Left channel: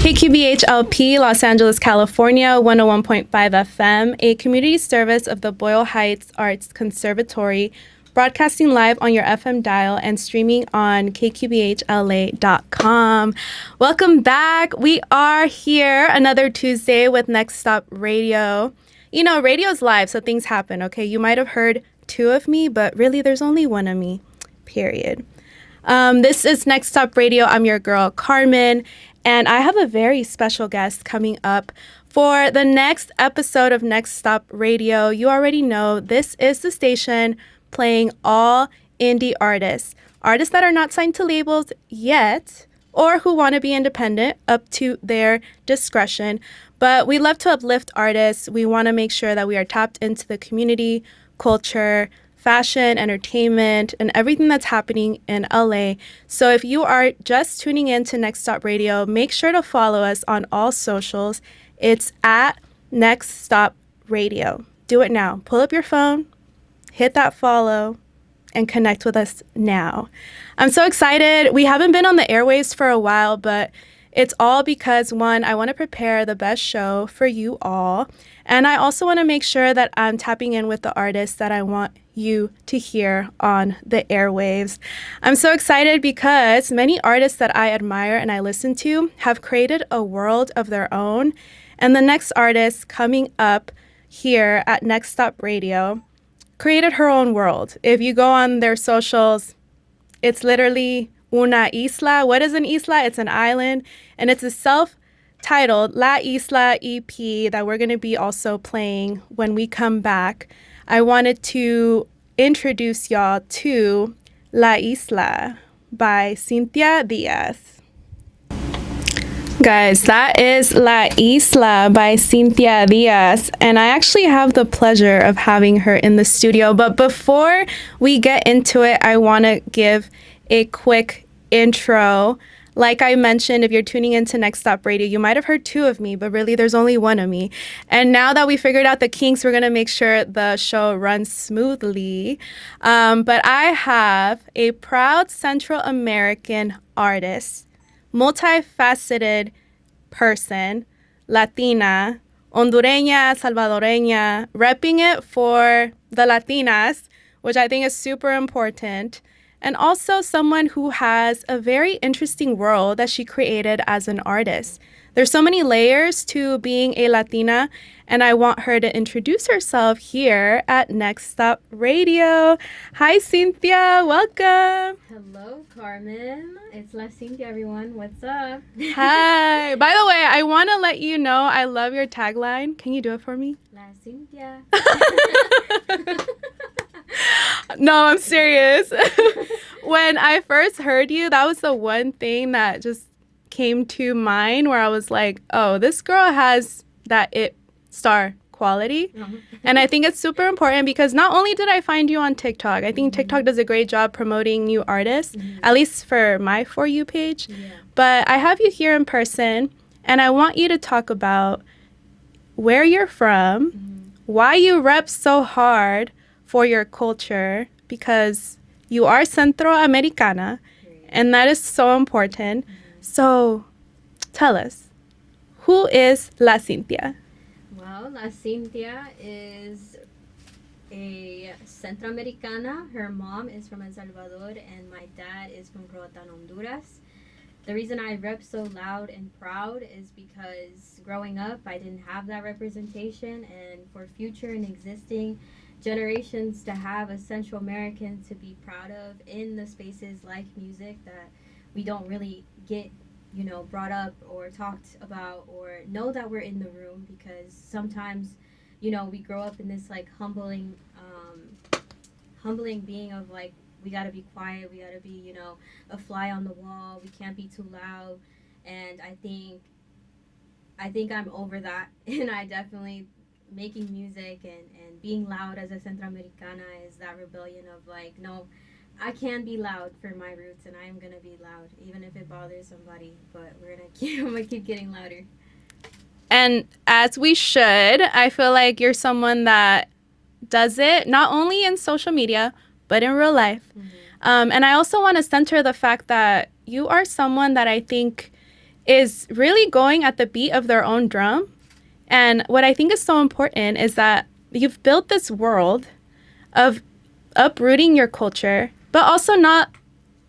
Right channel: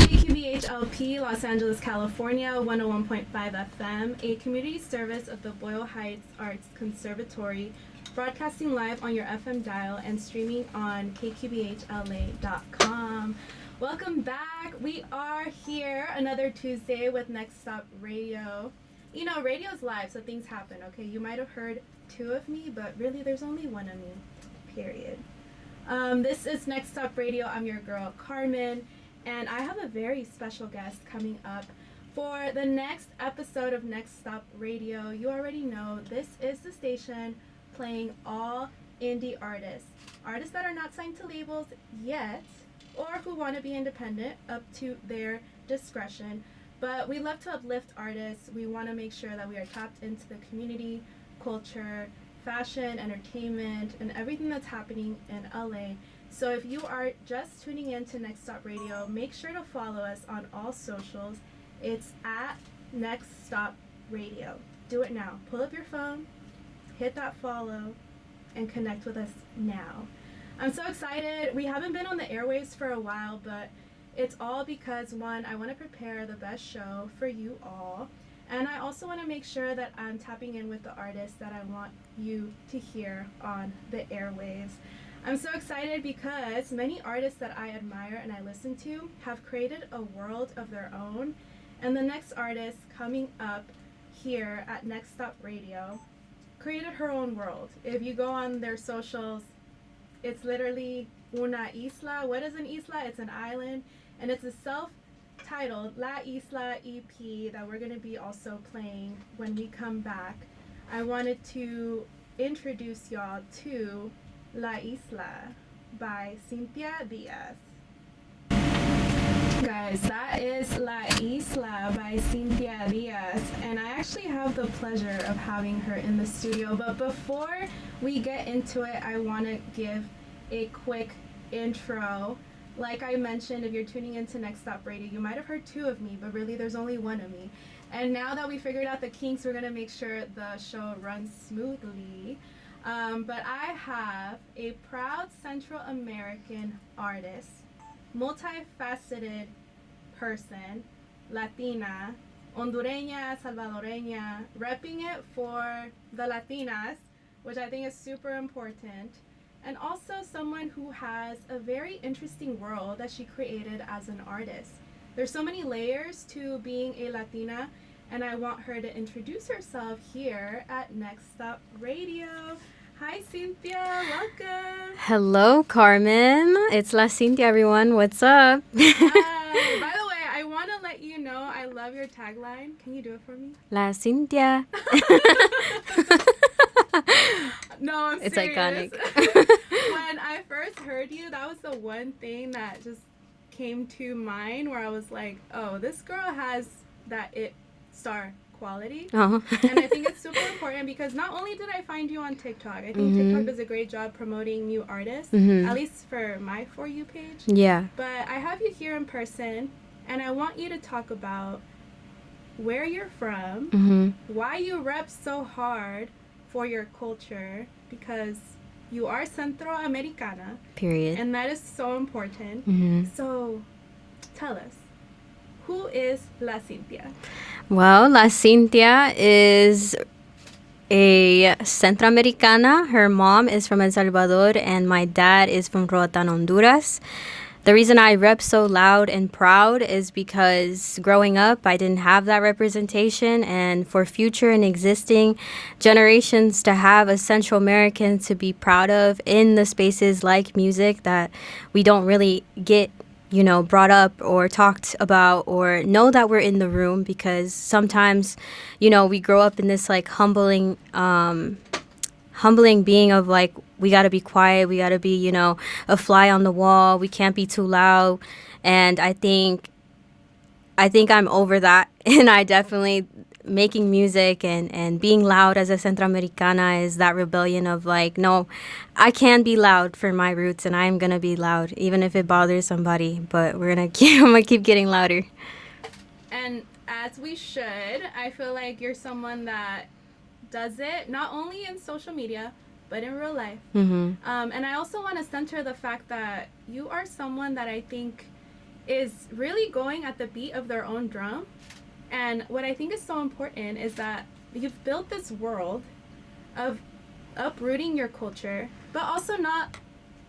KQBH-LP, Los Angeles, California, 101.5 FM, a community service of the Boyle Heights Arts Conservatory, broadcasting live on your FM dial and streaming on kqbhla.com. Welcome back. We are here another Tuesday with Next Stop Radio. You know, radio's live, so things happen, okay? You might have heard two of me, but really there's only one of me, period. This is Next Stop Radio. I'm your girl, Carmen. And I have a very special guest coming up for the next episode of Next Stop Radio. You already know this is the station playing all indie artists. Artists that are not signed to labels yet or who want to be independent, up to their discretion. But we love to uplift artists. We want to make sure that we are tapped into the community, culture, fashion, entertainment, and everything that's happening in LA. So if you are just tuning in to Next Stop Radio, make sure to follow us on all socials. It's at Next Stop Radio. Do it now. Pull up your phone, hit that follow, and connect with us now. I'm so excited. We haven't been on the airwaves for a while, but it's all because, one, I want to prepare the best show for you all. And I also want to make sure that I'm tapping in with the artists that I want you to hear on the airwaves. I'm so excited because many artists that I admire and I listen to have created a world of their own. And the next artist coming up here at Next Stop Radio created her own world. If you go on their socials, it's literally una isla. What is an isla? It's an island. And it's a self-titled La Isla EP that we're going to be also playing when we come back. I wanted to introduce y'all to La Isla by Cynthia Diaz. Guys, that is La Isla by Cynthia Diaz, and I actually have the pleasure of having her in the studio. But before we get into it, I want to give a quick intro. Like I mentioned, if you're tuning into Next Stop Radio, you might have heard two of me, but really there's only one of me. And now that we figured out the kinks, we're going to make sure the show runs smoothly. But I have a proud Central American artist, multifaceted person, Latina, Hondureña, Salvadoreña, repping it for the Latinas, which I think is super important. And also someone who has a very interesting world that she created as an artist. There's so many layers to being a Latina, and I want her to introduce herself here at Next Stop Radio. Hi, Cynthia. Welcome. Hello, Carmen. It's La Cynthia, everyone. What's up? Hi. By the way, I want to let you know I love your tagline. Can you do it for me? La Cynthia. No, I'm serious. When I first heard you, that was the one thing that just came to mind where I was like, oh, this girl has that it star quality. Uh-huh. And I think it's super important because not only did I find you on TikTok, I think TikTok does a great job promoting new artists, at least for my For You page. Yeah. But I have you here in person, and I want you to talk about where you're from, why you rep so hard for your culture, because you are Centroamericana. Period. And that is so important. So tell us, who is La Cynthia? Well, La Cynthia is a Centroamericana. Her mom is from El Salvador, and my dad is from Roatan, Honduras. The reason I rep so loud and proud is because growing up, I didn't have that representation. And for future and existing generations to have a Central American to be proud of in the spaces like music that we don't really get, you know, brought up or talked about or know that we're in the room, because sometimes, you know, we grow up in this like humbling being of like, we got to be quiet. We got to be, you know, a fly on the wall. We can't be too loud. And I think I'm over that. And I definitely, making music and being loud as a Centroamericana is that rebellion of like, no, I can be loud for my roots, and I'm going to be loud, even if it bothers somebody. But I'm going to keep getting louder. And as we should, I feel like you're someone that does it not only in social media, but in real life. And I also want to center the fact that you are someone that I think is really going at the beat of their own drum. And what I think is so important is that you've built this world of uprooting your culture, but also not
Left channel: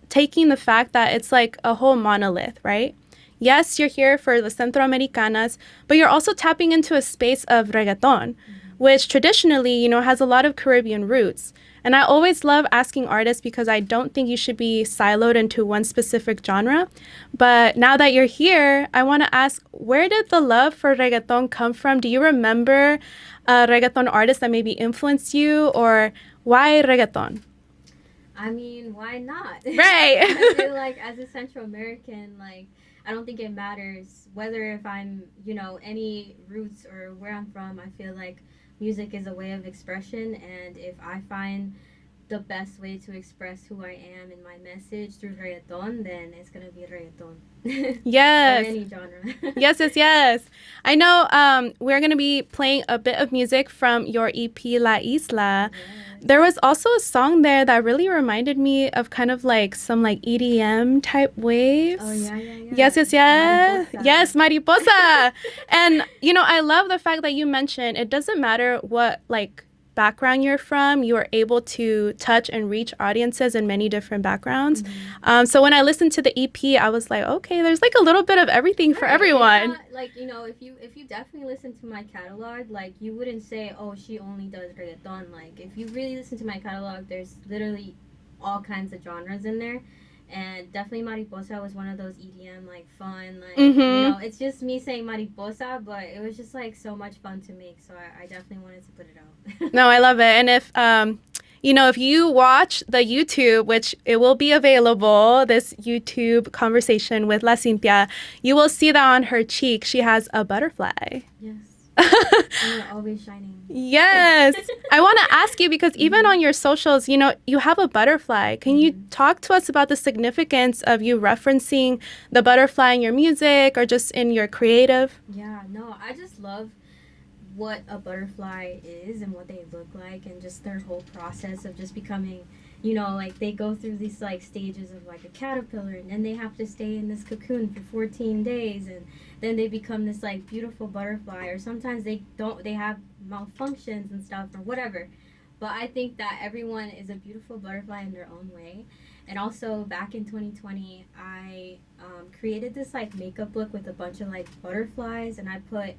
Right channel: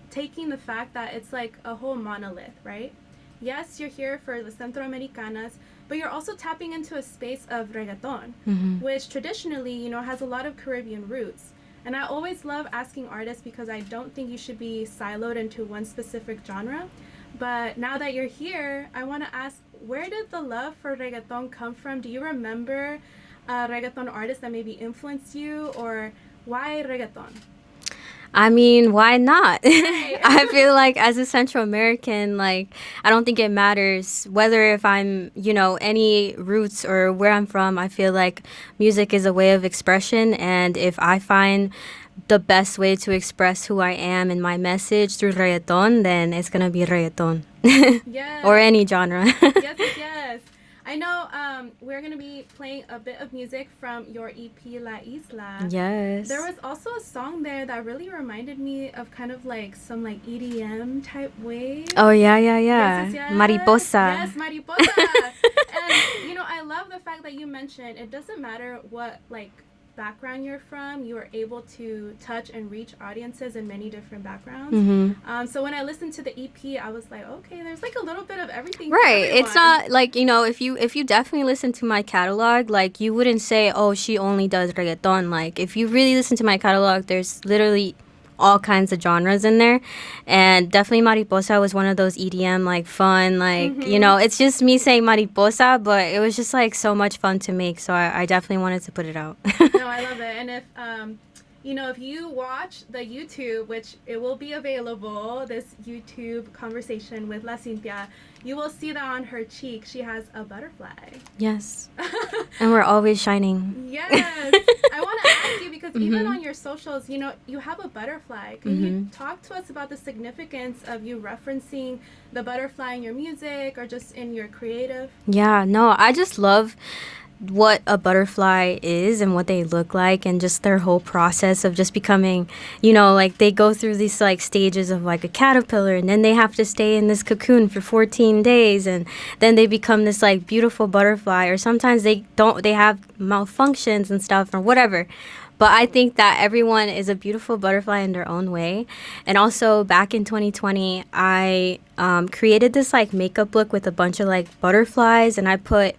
taking the fact that it's like a whole monolith, right? Yes, you're here for the Centroamericanas, but you're also tapping into a space of reggaeton, which traditionally, you know, has a lot of Caribbean roots. And I always love asking artists because I don't think you should be siloed into one specific genre. But now that you're here, I want to ask, where did the love for reggaeton come from? Do you remember a reggaeton artist that maybe influenced you, or why reggaeton? I mean, why not? Right. I feel like as a Central American, like, I don't think it matters whether if I'm, you know, any roots or where I'm from. I feel like music is a way of expression. And if I find the best way to express who I am and my message through reggaeton, then it's going to be reggaeton. Yes. Or any genre. Yes, yes, yes. I know we're going to be playing a bit of music from your EP, La Isla. Yes. There was also a song there that really reminded me of kind of like some like EDM type waves. Oh, yeah, yeah, yeah. Yes, yes, yes. Mariposa. Yes, Mariposa. And, you know, I love the fact that you mentioned it doesn't matter what like background you're from, you are able to touch and reach audiences in many different backgrounds. So when I listened to the EP, I was like, okay, there's like a little bit of everything for everyone. It's not like, you know, if you definitely listen to my catalog, like, you wouldn't say, oh, she only does reggaeton. Like, if you really listen to my catalog, there's literally all kinds of genres in there. And definitely Mariposa was one of those EDM, like, fun, like, you know, it's just me saying Mariposa, but it was just like so much fun to make. So I definitely wanted to put it out. No, I love it. And if you know, if you watch the YouTube, which it will be available, this YouTube conversation with La Cynthia, you will see that on her cheek she has a butterfly. Yes. And we're always shining. Yes. I want to ask you, because even on your socials, you know, you have a butterfly. Can you talk to us about the significance of you referencing the butterfly in your music or just in your creative? Yeah, no, I just love what a butterfly is and what they look like, and just their whole process of just becoming, you know, like, they go through these like stages of like a caterpillar, and then they have to stay in this cocoon for 14 days, and then they become this like beautiful butterfly. Or sometimes they have malfunctions and stuff or whatever. But I think that everyone is a beautiful butterfly in their own way. And also back in 2020, I created this like makeup look with a bunch of like butterflies, and I put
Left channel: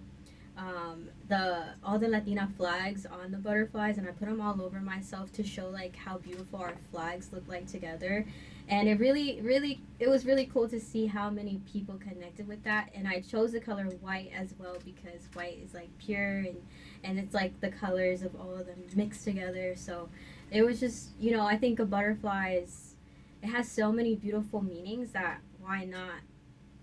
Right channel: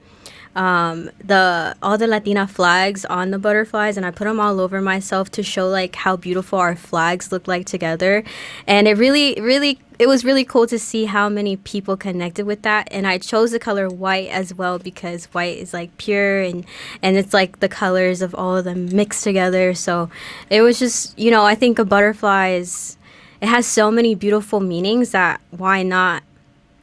all the Latina flags on the butterflies, and I put them all over myself to show like how beautiful our flags look like together. And it was really cool to see how many people connected with that. And I chose the color white as well, because white is like pure, and it's like the colors of all of them mixed together. So it was just, you know, I think a butterfly it has so many beautiful meanings that why not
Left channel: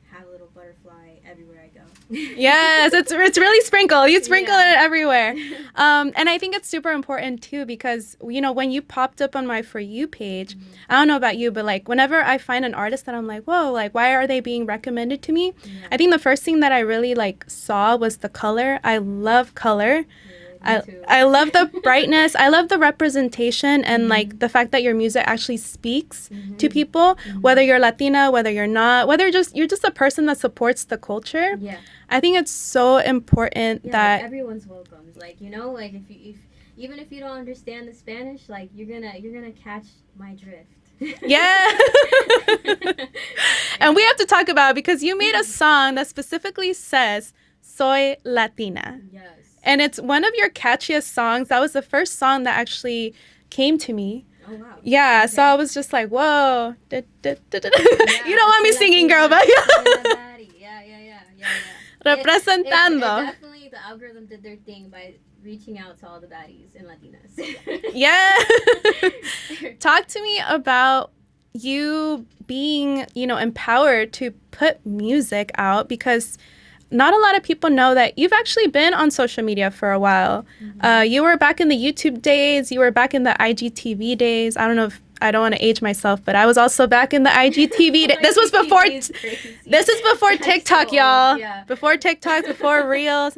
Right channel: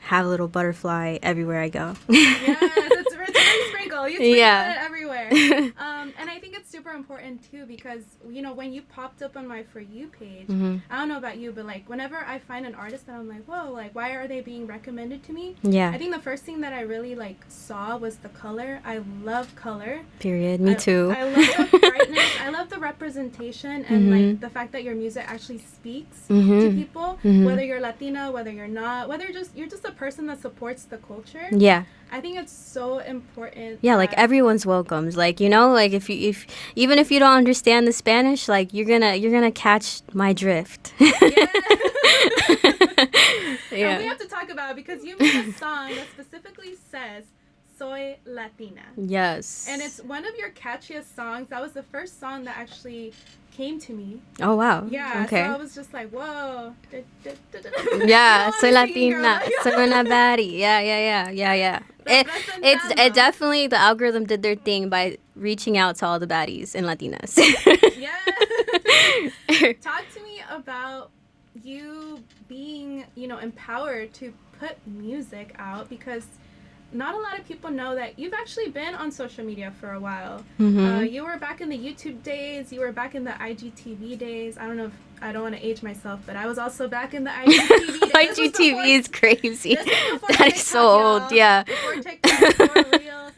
have a little butterfly everywhere I go. Yes, it's really sprinkled. You sprinkle it everywhere. And I think it's super important too, because, you know, when you popped up on my For You page, I don't know about you, but like whenever I find an artist that I'm like, whoa, like, why are they being recommended to me? Yeah. I think the first thing that I really like saw was the color. I love color. Period. Me too. I love the brightness. I love the representation, and like the fact that your music actually speaks to people, whether you're Latina, whether you're not, whether you're just a person that supports the culture. Yeah. I think it's so important. Yeah, like everyone's welcome. Like, you know, like if even if you don't understand the Spanish, like you're gonna catch my drift. Yeah. And we have to talk about it, because you made a song that specifically says Soy Latina. Yes. And it's one of your catchiest songs. That was the first song that actually came to me. Oh, wow. Yeah, okay. So I was just like, whoa. Yeah. You don't want me singing, girl, but Soy una baddie. Yeah. Representando. It definitely, the algorithm did their thing by reaching out to all the baddies and Latinas. Yeah. Talk to me about you being, you know, empowered to put music out, because not a lot of people know that you've actually been on social media for a while. You were back in the YouTube days. You were back in the IGTV days. I don't know if I don't want to age myself, but I was also back in the IGTV days. This was before. IGTV is crazy. This is before TikTok, so y'all. old, yeah. Before TikTok, before Reels.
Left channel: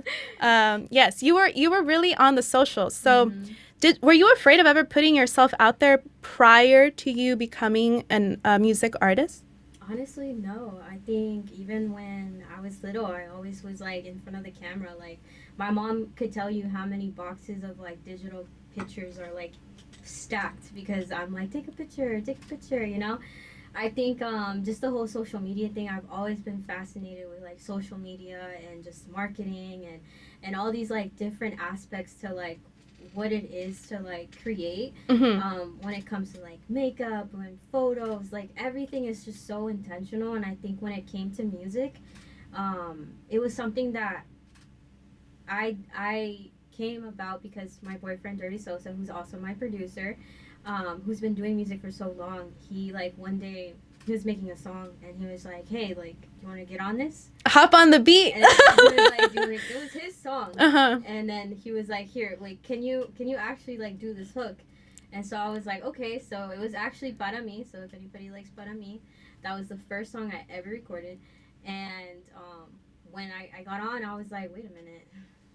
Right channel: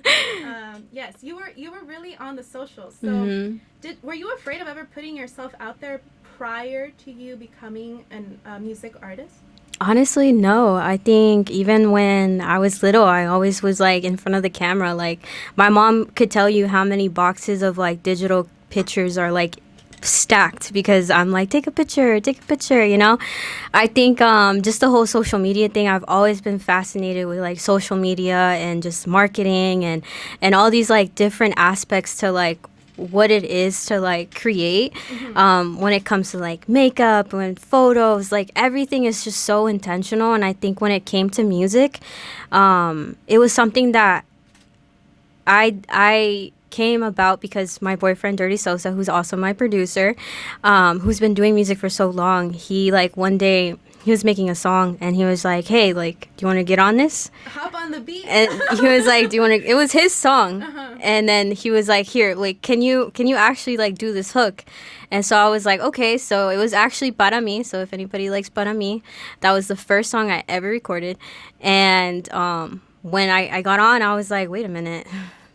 Yes, you were really on the socials. So, were you afraid of ever putting yourself out there prior to you becoming a music artist? Honestly, no. I think even when I was little, I always was like in front of the camera. Like my mom could tell you how many boxes of like digital pictures are like stacked because I'm like, take a picture, you know? I think just the whole social media thing, I've always been fascinated with like social media and just marketing and all these like different aspects to like what it is to like create when it comes to like makeup and photos, like everything is just so intentional. And I think when it came to music, it was something that I came about because my boyfriend Dirty Sosa, who's also my producer, who's been doing music for so long, he like one day he was making a song and he was like, hey, like, do you want to get on this? Hop on the beat. And he was like, do you want to, it was his song. And then he was like, here, like, can you actually like do this hook? And so I was like, okay. So it was actually Para Mi. So if anybody likes Para Mi, that was the first song I ever recorded. And when I got on, I was like, wait a minute.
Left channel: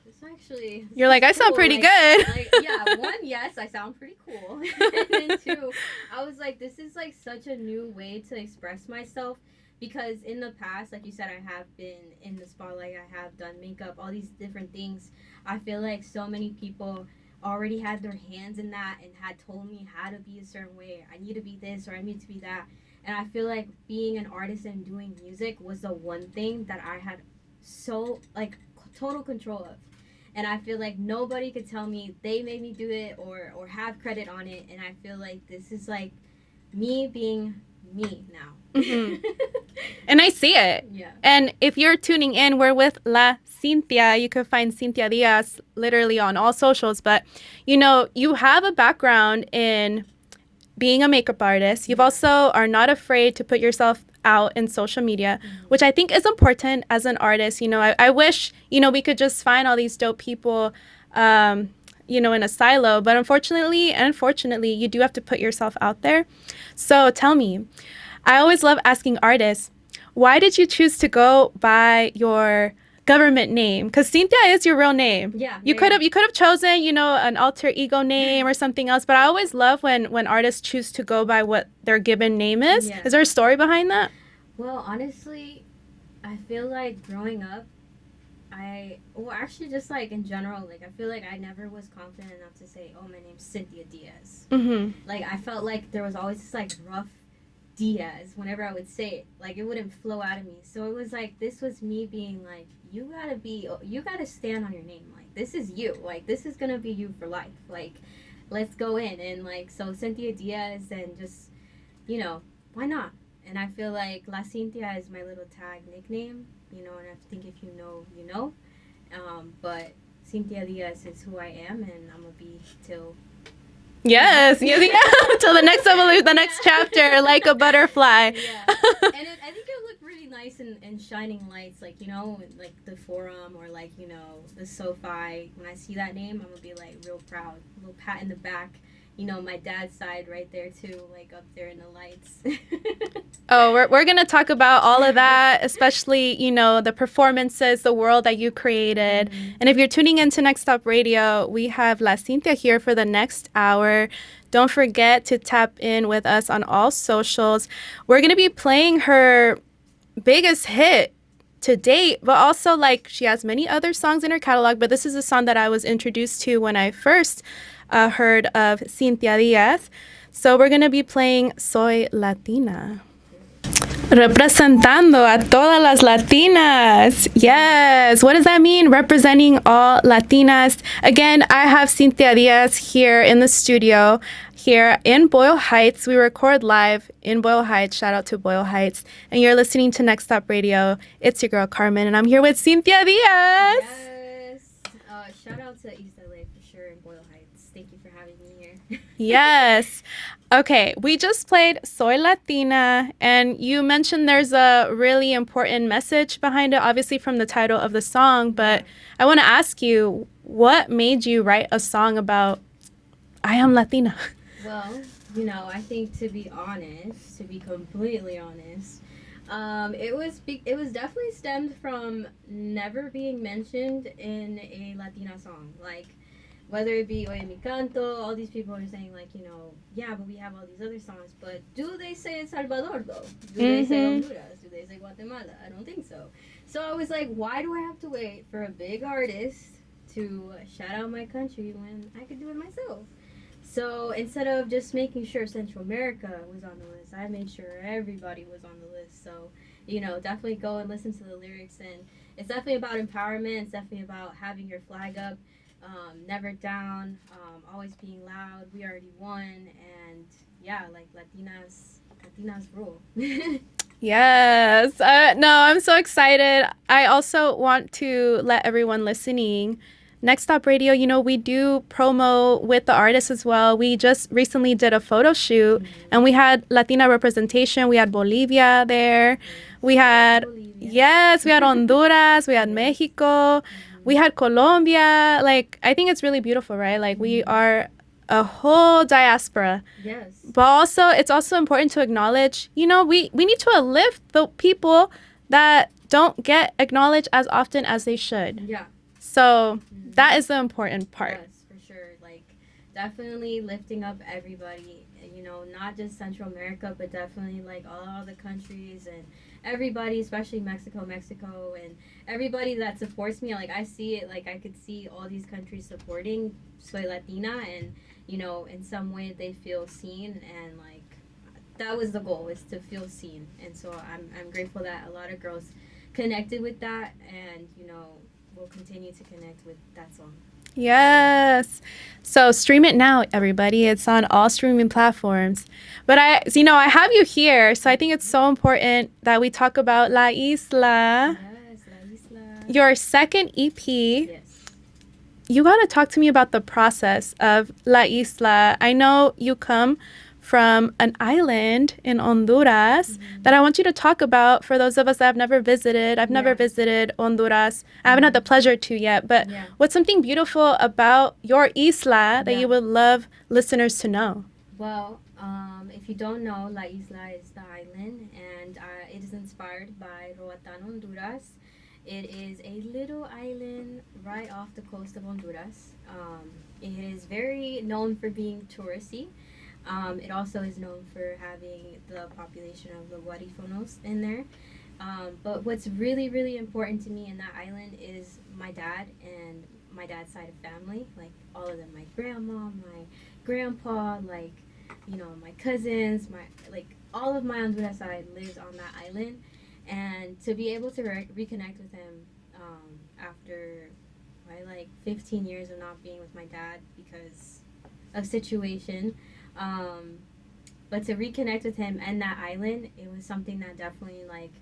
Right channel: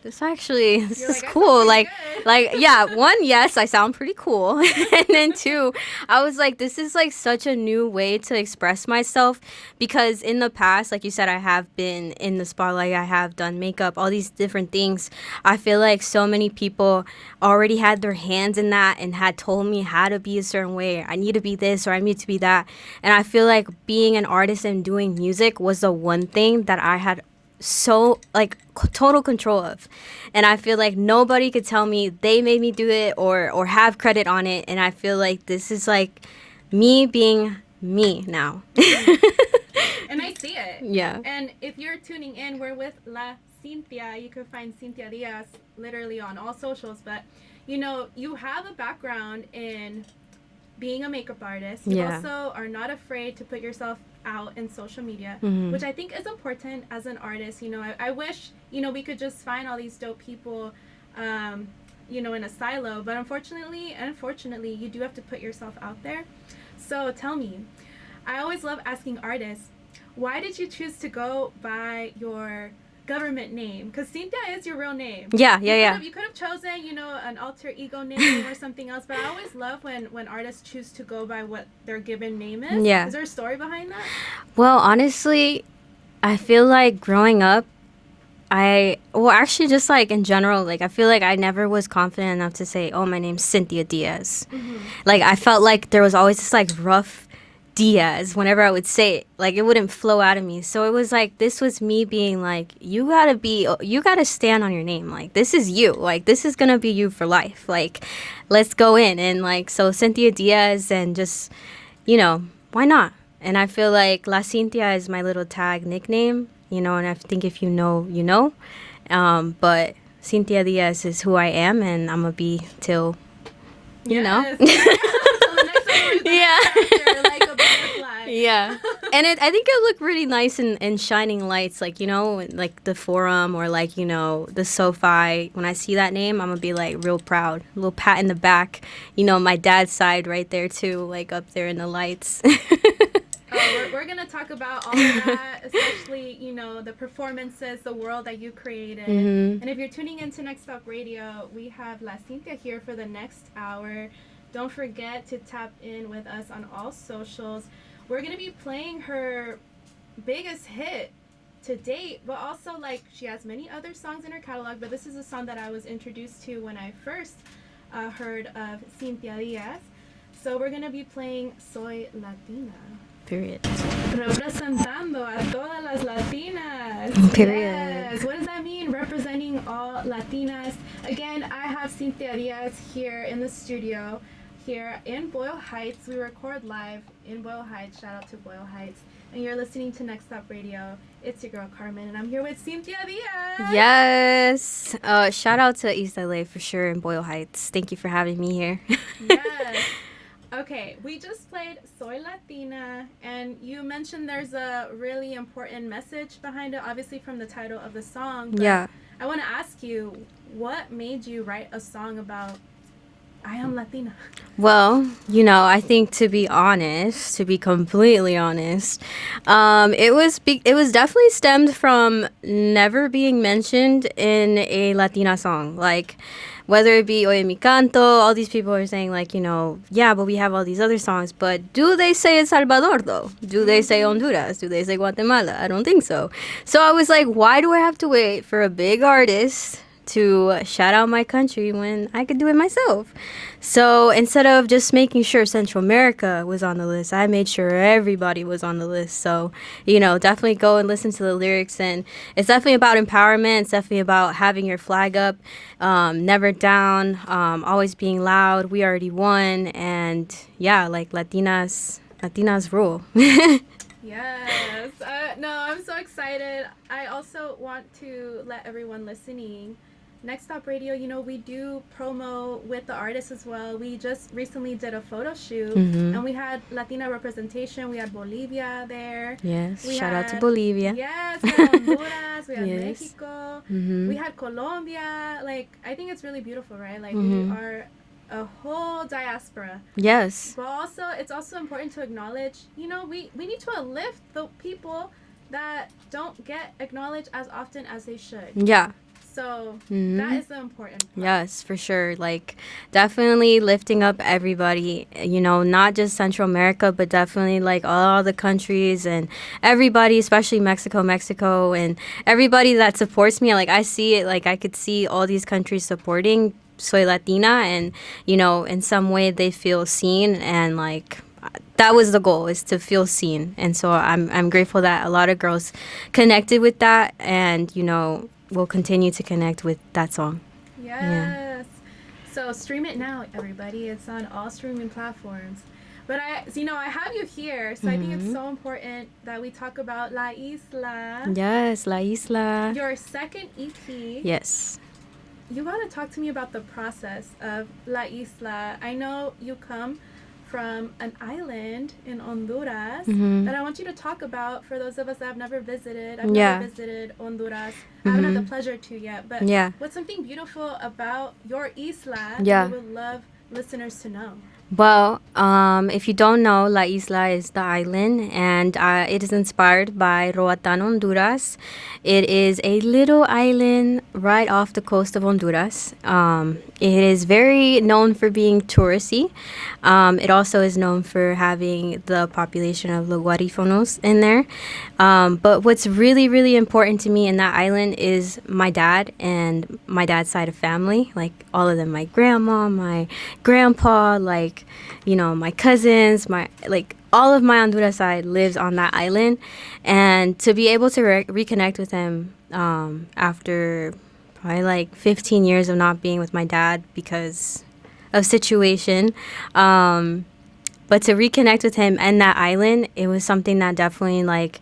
This You're like, is I cool. sound pretty like, good. Like, yeah, one, yes, I sound pretty cool. And then two, I was like, this is like such a new way to express myself because in the past, like you said, I have been in the spotlight, I have done makeup, all these different things. I feel like so many people already had their hands in that and had told me how to be a certain way. I need to be this or I need to be that. And I feel like being an artist and doing music was the one thing that I had so like total control of, and I feel like nobody could tell me they made me do it or have credit on it. And I feel like this is like me being me now. And I see it. Yeah. And if you're tuning in, we're with La Cynthia. You can find Cynthia Diaz literally on all socials. But you know, you have a background in being a makeup artist. You've also are not afraid to put yourself out in social media, which I think is important as an artist. You know, I wish, you know, we could just find all these dope people, you know, in a silo. But unfortunately, you do have to put yourself out there. So tell me, I always love asking artists, why did you choose to go by your government name? Because Cynthia is your real name. You could have chosen, you know, an alter ego name or something else. But I always love when artists choose to go by what their given name is. Is there a story behind that? Well, honestly, I feel like growing up, actually just like in general, like I feel like I never was confident enough to say, oh, my name's Cynthia Diaz. Like I felt like there was always this like rough Diaz whenever I would say it, like it wouldn't flow out of me. So it was like, this was me being like, you gotta stand on your name. Like, this is you, like this is gonna be you for life. Like, let's go in. And like, so Cynthia Diaz, and just, you know, why not? And I feel like La Cynthia is my little tag nickname, you know, and I think if you know, you know. But Cynthia Diaz is who I am, and I'm gonna be till Yes. Till the next evolution, the next chapter, like a butterfly. Yeah. And I think it looked really nice in shining lights, like, you know, like the Forum or like, you know, the SoFi. When I see that name, I'm going to be like real proud. A little pat in the back. You know, my dad's side right there too, like up there in the lights. Oh, we're going to talk about all of that, especially, you know, the performances, the world that you created. And if you're tuning into Next Stop Radio, we have La Cynthia here for the next hour. Don't forget to tap in with us on all socials. We're going to be playing her biggest hit to date, but also like she has many other songs in her catalog, but this is a song that I was introduced to when I first heard of Cynthia Diaz. So we're going to be playing Soy Latina. Period. Representando a todas las Latinas. Period. Yes. What does that mean? Representing all Latinas. Again, I have Cynthia Diaz here in the studio, here in Boyle Heights. We record live in Boyle Heights. Shout out to Boyle Heights. And you're listening to Next Stop Radio. It's your girl, Carmen, and I'm here with Cynthia Diaz. Yes. Shout out to ISLA for sure in Boyle Heights. Thank you for having me here. Yes. Okay, we just played Soy Latina, and you mentioned there's a really important message behind it, obviously from the title of the song, but I want to ask you, what made you write a song about I am Latina? Well, you know, I think to be completely honest, it was definitely stemmed from never being mentioned in a Latina song. Like, whether it be Oye Mi Canto, all these people are saying like, yeah, but we have all these other songs. But do they say El Salvador though? Do they say Honduras? Do they say Guatemala? I don't think so. So I was like, why do I have to wait for a big artist to shout out my country when I could do it myself? So instead of just making sure Central America was on the list, I made sure everybody was on the list. So, definitely go and listen to the lyrics. And it's definitely about empowerment. It's definitely about having your flag up, never down, always being loud. We already won. And yeah, like Latinas rule. Yes. No, I'm so excited. I also want to let everyone listening, Next Stop Radio, we do promo with the artists as well. We just recently did a photo shoot and we had Latina representation. We had Bolivia there. Yes. We Shout had out to Bolivia. Yes, we had Honduras, we had Yes. Mexico, we had Colombia. Like, I think it's really beautiful, right? Like we are a whole diaspora. Yes. But also, it's also important to acknowledge, we need to uplift the people that don't get acknowledged as often as they should. Yeah. So that is the important part. Yes, for sure. Like, definitely lifting up everybody, not just Central America, but definitely like all the countries and everybody, especially Mexico, and everybody that supports me. Like, I see it, like, I could see all these countries supporting Soy Latina, and, in some way they feel seen, and like, that was the goal, is to feel seen. And so I'm grateful that a lot of girls connected with that, and, will continue to connect with that song. Yes. So stream it now, everybody. It's on all streaming platforms. But I have you here, so I think it's so important that we talk about La Isla. Yes, La Isla. Your second EP. Yes. You got to talk to me about the process of La Isla. I know you come from an island in Honduras that I want you to talk about for those of us that have never visited. I've never visited Honduras. I haven't had the pleasure to yet. But what's something beautiful about your isla that you would love listeners to know? Well, if you don't know, La Isla is the island, and it is inspired by Roatan, Honduras. It is a little island right off the coast of Honduras. It is very known for being touristy. It also is known for having the population of the Guarifonos in there. But what's really, really important to me in that island is my dad and my dad's side of family. Like, all of them, my grandma, my grandpa, like, my cousins, all of my Honduras side lives on that island. And to be able to reconnect with him after probably like 15 years of not being with my dad because of situation, but to reconnect with him and that island, it was something that definitely like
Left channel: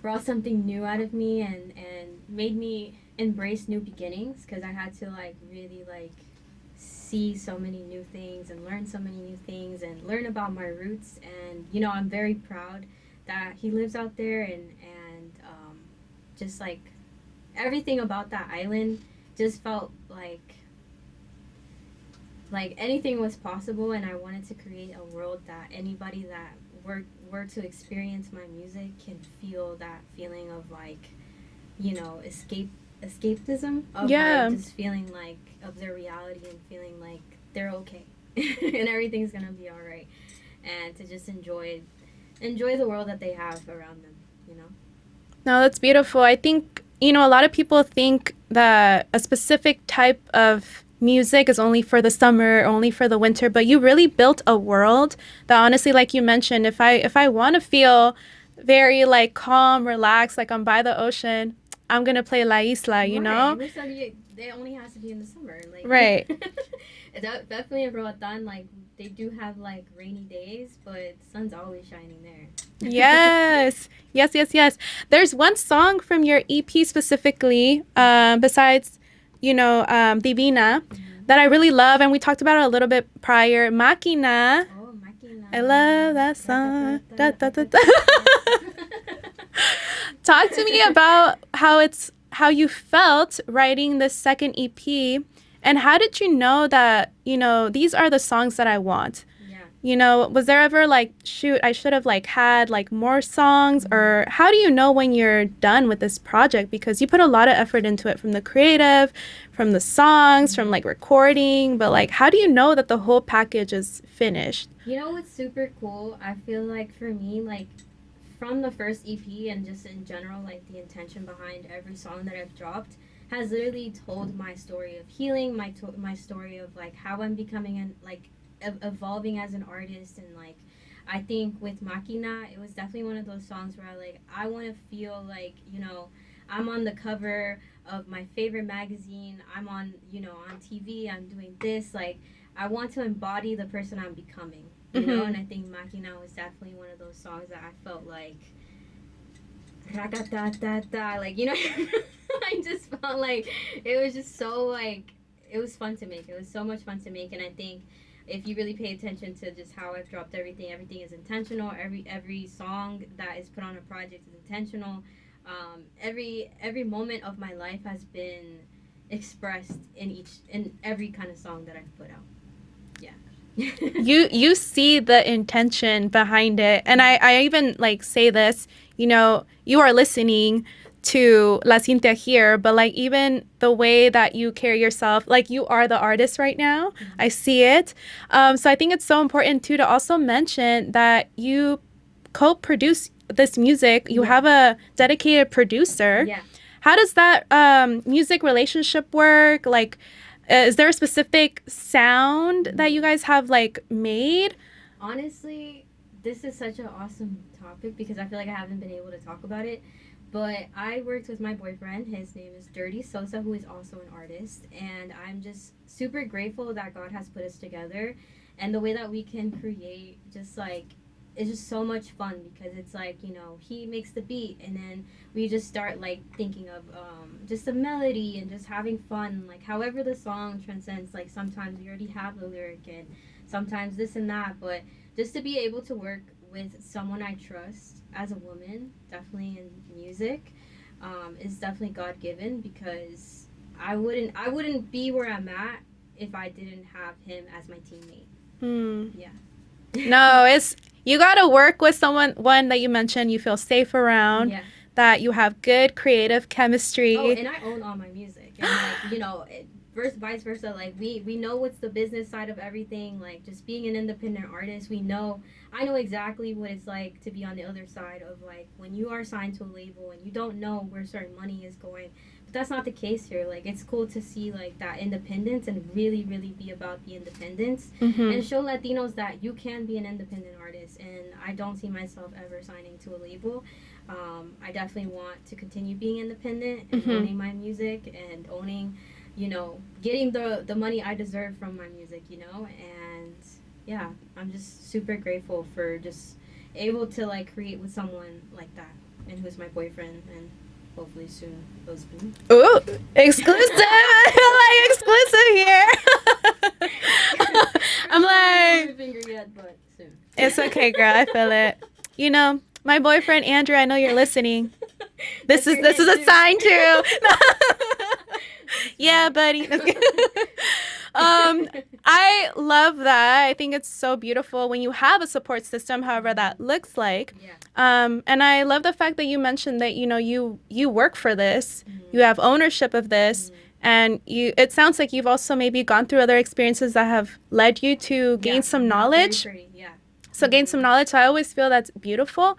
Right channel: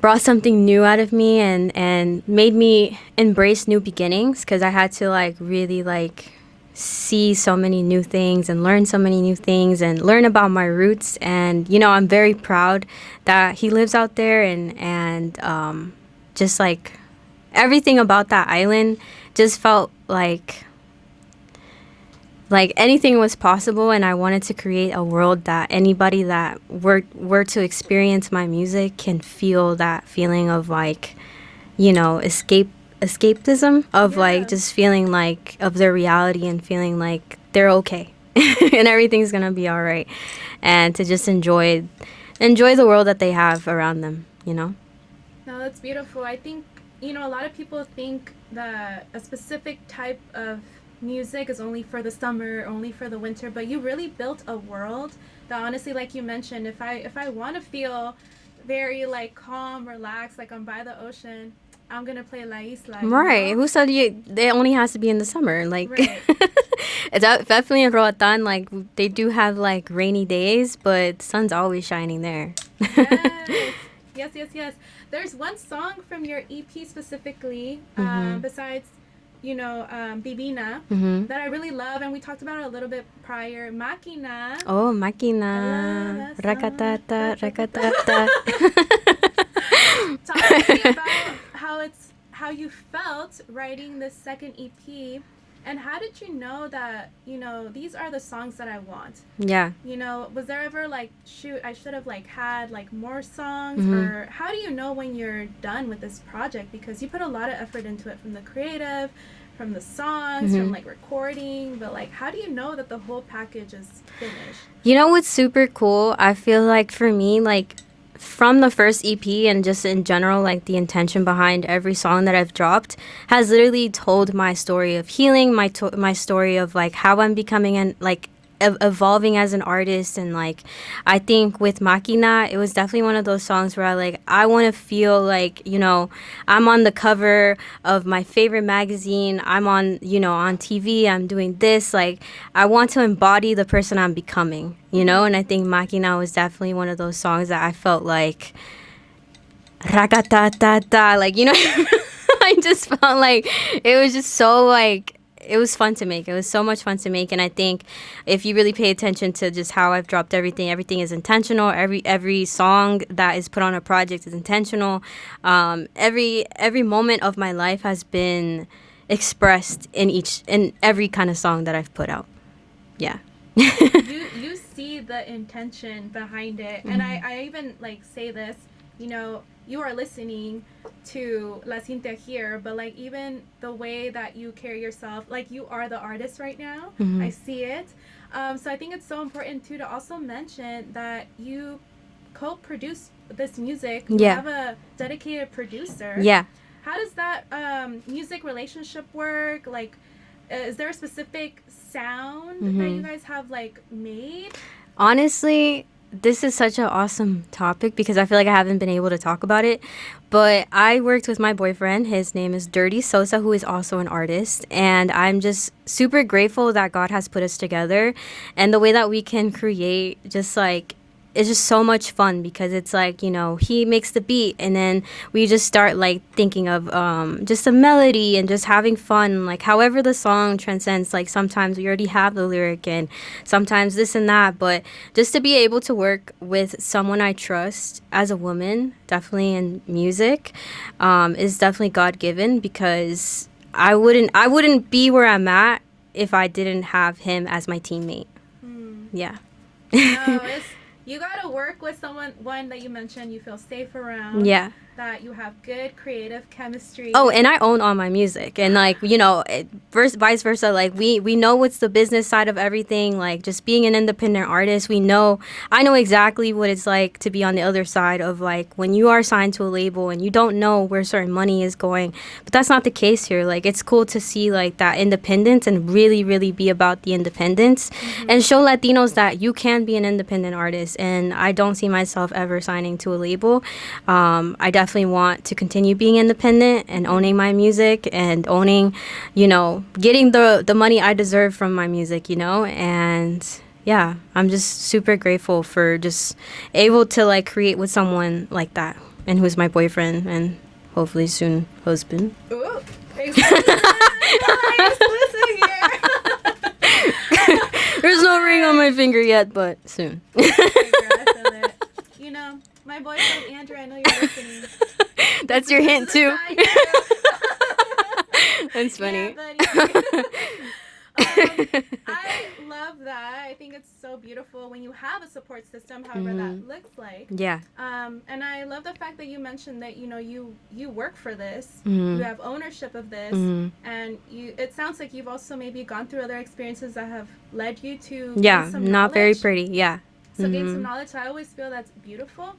brought something new out of me, and made me embrace new beginnings, because I had to like really like see so many new things and learn so many new things and learn about my roots. And I'm very proud that he lives out there, and just like everything about that island just felt like anything was possible. And I wanted to create a world that anybody that were to experience my music can feel that feeling of like, escapism of like just feeling like of their reality and feeling like they're okay and everything's gonna be all right, and to just enjoy the world that they have around them. No, that's beautiful. I think a lot of people think that a specific type of music is only for the summer, only for the winter, but you really built a world that, honestly, like you mentioned, if I want to feel very like calm, relaxed, like I'm by the ocean, I'm gonna play La Isla, you know? Who said it only has to be in the summer? Like, right. It's definitely in Roatan, like they do have like rainy days, but the sun's always shining there. Yes. Yes. There's one song from your EP specifically, besides Divina, that I really love, and we talked about it a little bit prior. Máquina. Oh, Máquina. I love that song. Talk to me about how you felt writing the second EP. And how did you know that, these are the songs that I want? Yeah. Was there ever like, shoot, I should have like had like more songs? Or how do you know when you're done with this project? Because you put a lot of effort into it, from the creative, from the songs, from like recording, but like, how do you know that the whole package is finished? You know what's super cool? I feel like for me, like from the first EP and just in general, like the intention behind every song that I've dropped has literally told my story of healing, my story of like how I'm becoming and like evolving as an artist. And like I think with Makina, it was definitely one of those songs where I want to feel like, I'm on the cover of my favorite magazine, I'm on, on TV, I'm doing this, like I want to embody the person I'm becoming, you know. And I think Makina was definitely one of those songs that I felt like ragatata, like, I just felt like it was just so like it was fun to make. It was so much fun to make. And I think if you really pay attention to just how I've dropped everything is intentional. Every song that is put on a project is intentional. Every moment of my life has been expressed in every kind of song that I've put out. Yeah. You see the intention behind it. And I even like say this, you are listening to La Cynthia here, but like even the way that you carry yourself, like you are the artist right now. I see it. So I think it's so important too to also mention that you co-produce this music. You have a dedicated producer. Yeah. How does that music relationship work? Like, is there a specific sound that you guys have like made? Honestly, this is such an awesome topic because I feel like I haven't been able to talk about it. But I worked with my boyfriend. His name is Dirty Sosa, who is also an artist. And I'm just super grateful that God has put us together. And the way that we can create just like, it's just so much fun because it's like, he makes the beat and then we just start like thinking of just a melody and just having fun. Like however the song transcends, like sometimes we already have the lyric and sometimes this and that. But just to be able to work with someone I trust as a woman, definitely in music, is definitely God-given because I wouldn't be where I'm at if I didn't have him as my teammate. Yeah. No, it's... You got to work with one that you mentioned you feel safe around. Yeah. That you have good creative chemistry. Oh, and I own all my music. And like, vice versa. Like we know what's the business side of everything. Like just being an independent artist, I know exactly what it's like to be on the other side of like when you are signed to a label and you don't know where certain money is going. But that's not the case here. Like it's cool to see like that independence and really, really be about the independence and show Latinos that you can be an independent artist. And I don't see myself ever signing to a label. I definitely want to continue being independent and owning my music and owning, getting the money I deserve from my music, and yeah, I'm just super grateful for just able to like create with someone like that and who's my boyfriend and hopefully soon husband. Ooh, exclusive! Like exclusive here. There's no ring on my finger yet, but soon. It's okay, girl. I feel it. My boyfriend Andrew, I know you're listening. This is a sign too. That's funny. Yeah, buddy. I love that. I think it's so beautiful when you have a support system, however that looks like. Yeah. And I love the fact that you mentioned that you work for this, you have ownership of this, and it sounds like you've also maybe gone through other experiences that have led you to gain some knowledge. Not very pretty. Yeah. So gain some knowledge. So I always feel that's beautiful.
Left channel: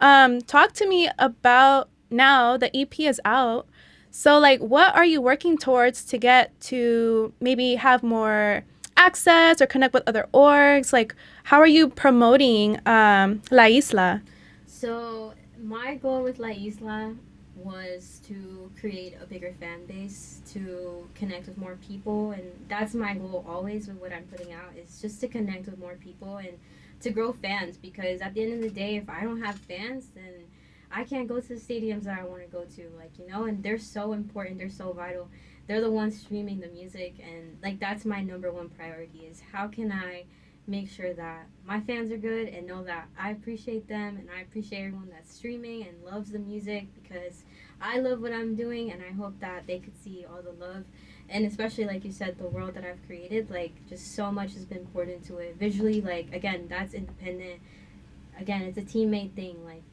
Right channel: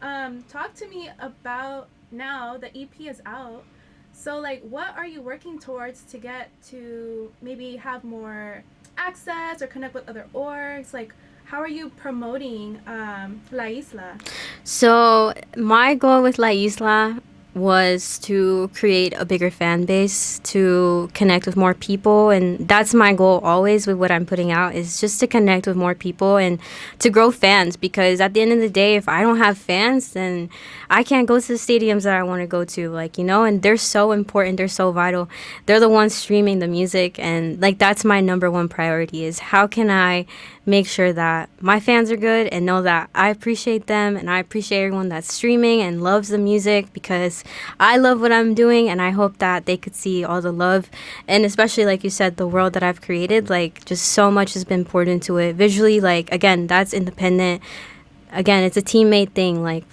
Talk to me about now the EP is out. So like, what are you working towards to get to maybe have more access or connect with other orgs? Like, how are you promoting La Isla? So my goal with La Isla was to create a bigger fan base, to connect with more people. And that's my goal always with what I'm putting out, is just to connect with more people and to grow fans. Because at the end of the day, if I don't have fans, then I can't go to the stadiums that I want to go to, and they're so important. They're so vital. They're the ones streaming the music. And that's my number one priority, is how can I make sure that my fans are good and know that I appreciate them and I appreciate everyone that's streaming and loves the music, because I love what I'm doing, and I hope that they could see all the love, and especially like you said, the world that I've created. Like, just so much has been poured into it visually. Like, again, that's independent. Again, it's a teammate thing. Like,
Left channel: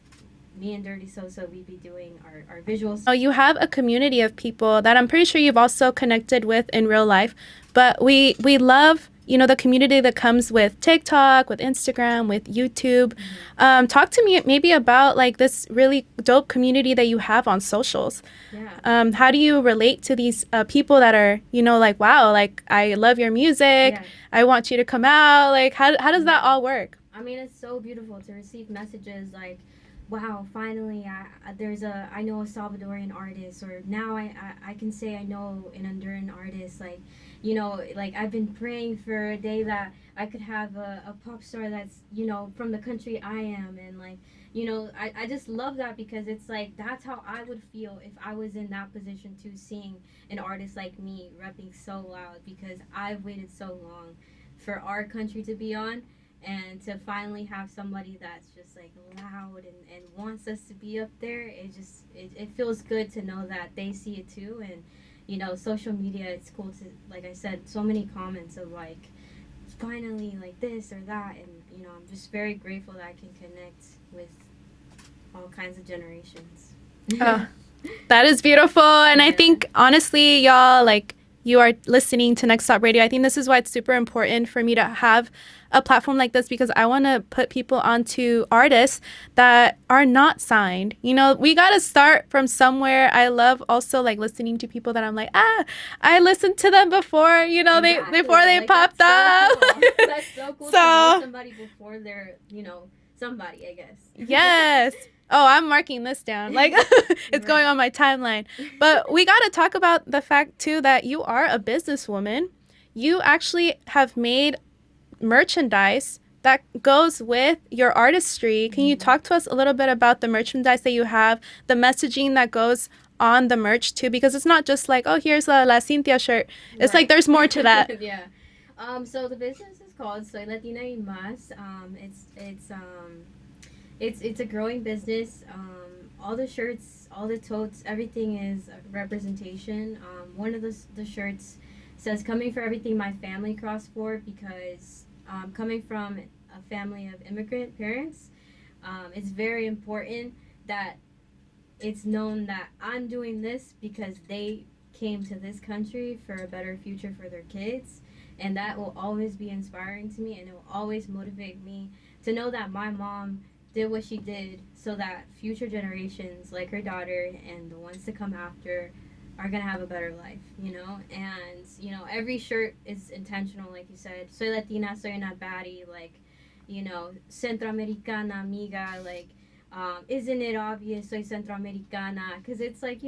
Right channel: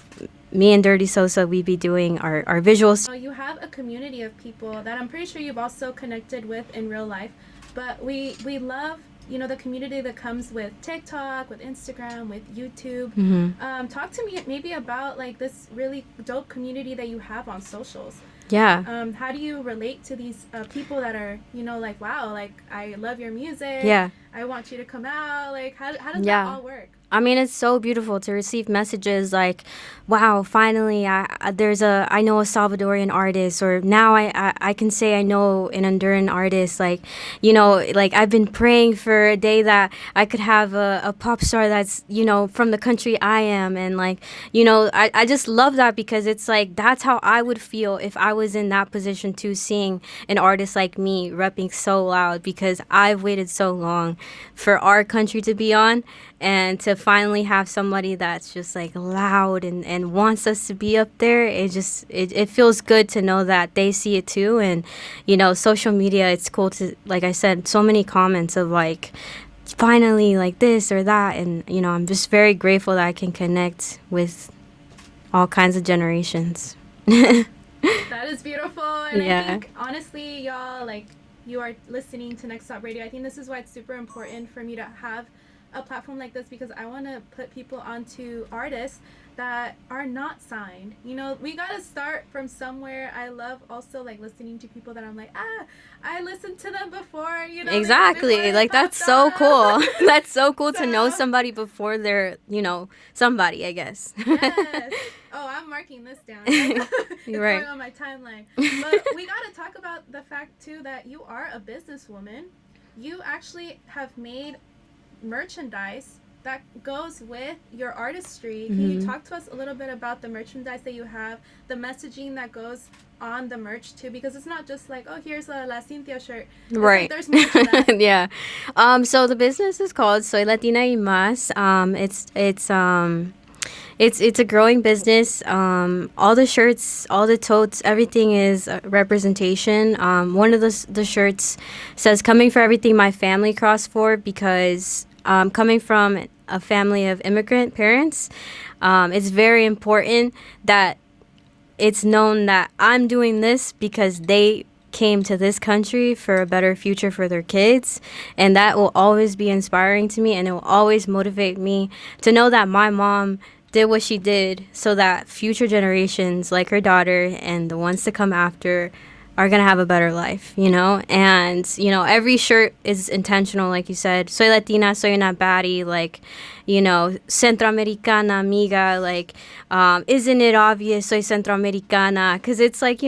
me and Dirty Sosa, we be doing our visuals. So you have a community of people that I'm pretty sure you've also connected with in real life, but we love, you know, the community that comes with TikTok, with Instagram, with YouTube. Talk to me maybe about like this really dope community that you have on socials. Yeah. How do you relate to these people that are, you know, like, wow, like, I love your music. Yeah. I want you to come out. Like, how does that all work? I mean, it's so beautiful to receive messages like, wow, finally, I know a Salvadorian artist, or now I can say I know an Honduran artist. Like, you know, like, I've been praying for a day that I could have a pop star that's, you know, from the country I am. And like, you know, I just love that, because it's like, that's how I would feel if I was in that position too, seeing an artist like me repping so loud, because I've waited so long for our country to be on, and to finally have somebody that's just like loud and wants us to be up there. It feels good to know that they see it too. And, you know, social media, it's cool to, like I said, so many comments of like, finally, like this or that. And, you know, I'm just very grateful that I can connect with all kinds of generations. That is beautiful. And Yeah. I think, honestly, y'all, like, you are listening to Next Stop Radio. I think this is why it's super important for me to have a platform like this, because I want to put people onto artists that are not signed. You know, we got to start from somewhere. I love also like listening to people that I'm like, I listened to them before, you know, Exactly. before they like, popped that's up. so cool. That's so cool to know So- somebody before they're, you know, somebody, I guess. Yes. Oh, I'm marking this down. Like, it's Right. going on my timeline. But we got to talk about the fact, too, that you are a businesswoman. You actually have made merchandise that goes with your artistry. Can you talk to us a little bit about the merchandise that you have, the messaging that goes on the merch, too? Because it's not just like, oh, here's a La Cynthia shirt. It's Right. like there's more to that. Yeah. So the business is called Soy Latina y Más. It's a growing business. All the shirts, all the totes, everything is representation. One of the shirts says "Coming for everything my family crossed for," because coming from a family of immigrant parents, it's very important that it's known that I'm doing this because they came to this country for a better future for their kids, and that will always be inspiring to me, and it will always motivate me to know that my mom did what she did so that future generations like her daughter and the ones to come after are going to have a better life, you know? And, you know, every shirt is intentional, like you said. Soy Latina, soy una baddie, like, you know, Centroamericana, amiga, like, isn't it obvious soy Centroamericana? Because it's like,